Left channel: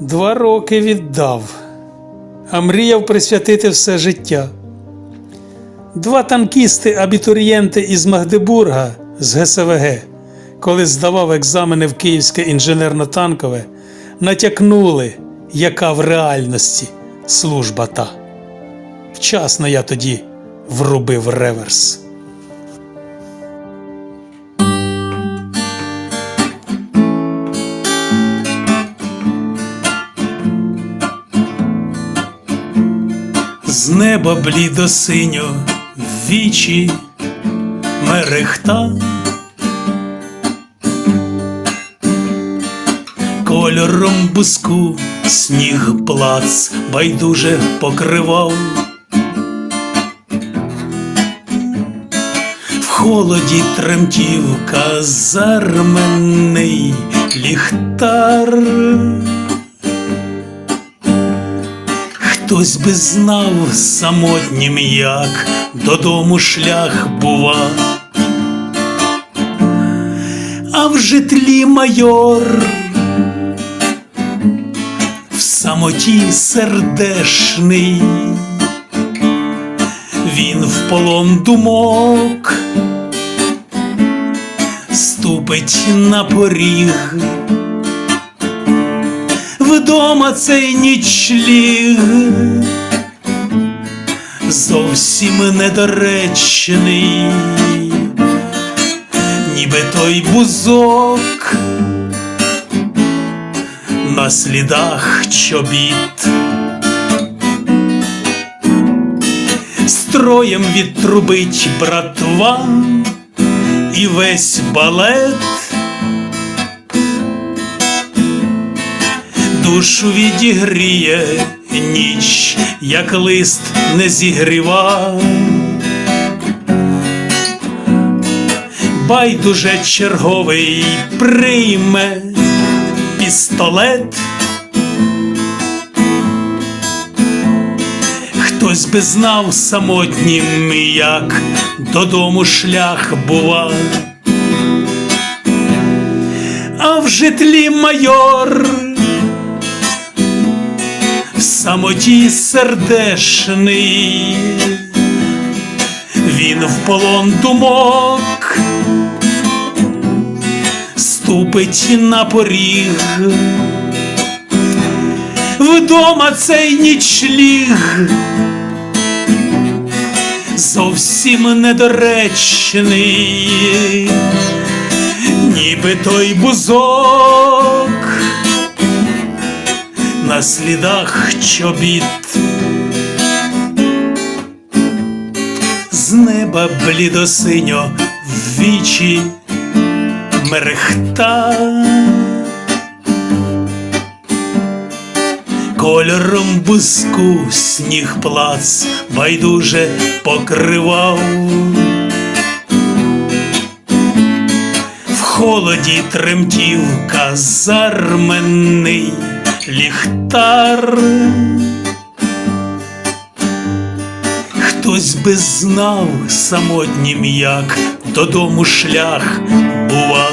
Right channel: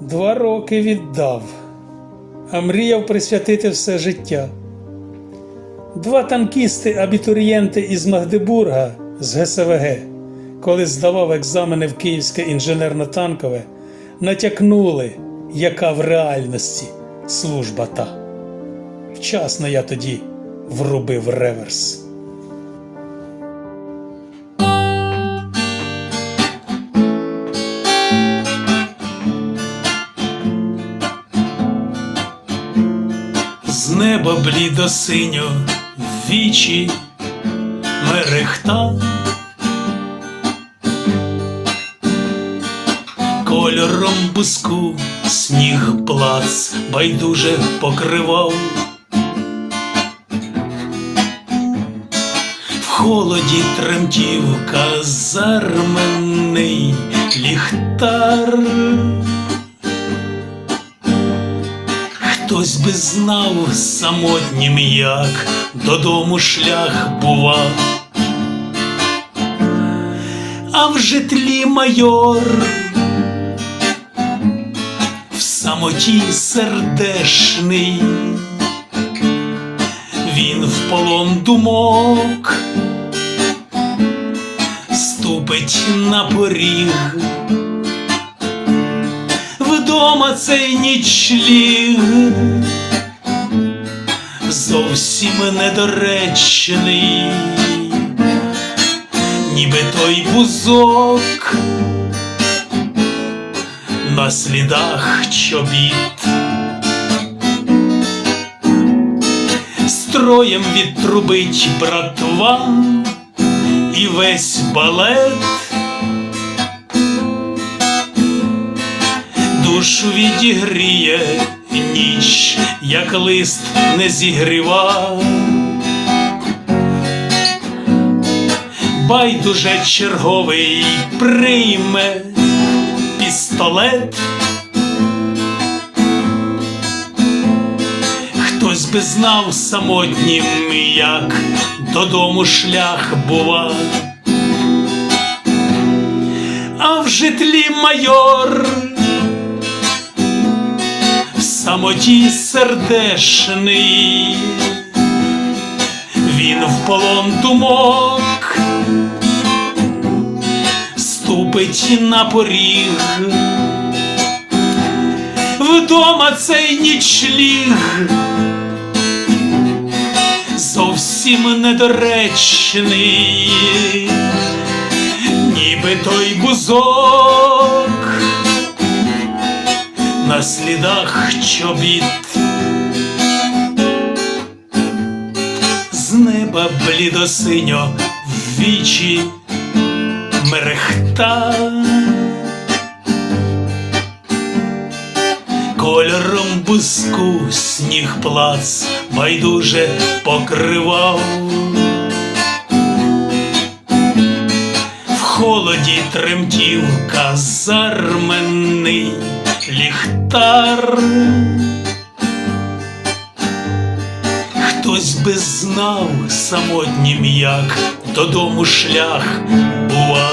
Два роки віддав, а мріяв присвятити все життя. Два танкісти-абітурієнти із Магдебурга з ГСВГ, коли здавав екзамени в Київське інженерно-танкове, натякнули, яка в реальності служба та. Вчасно я тоді врубив реверс. З неба блідо синьо вічі мерехта. Кольором буску сніг плац байдуже покривав. В холоді тремтів казарменний ліхтар. Хтось би знав самотнім, як додому шлях бува. А в житлі майор в самоті сердешний, він в полон думок ступить на поріг. Вдома цей нічліг зовсім недоречний, ніби той бузок на слідах чобіт. Строєм відтрубить братва і весь балет. Душу відігріє ніч, як лист не зігріва. Байдуже черговий прийме пістолет. Хтось би знав самотнім, як додому шлях бува. А в житлі майор самоті сердешний, він в полон думок ступить на поріг, вдома цей нічліг зовсім недоречний, ніби той бузок на слідах чобіт. З неба блідосиньо в вічі мерехта. Кольором буску сніг плац байдуже покривав. В холоді тремтів казарменний ліхтар. Хтось би знав самотнім, як додому шлях бува.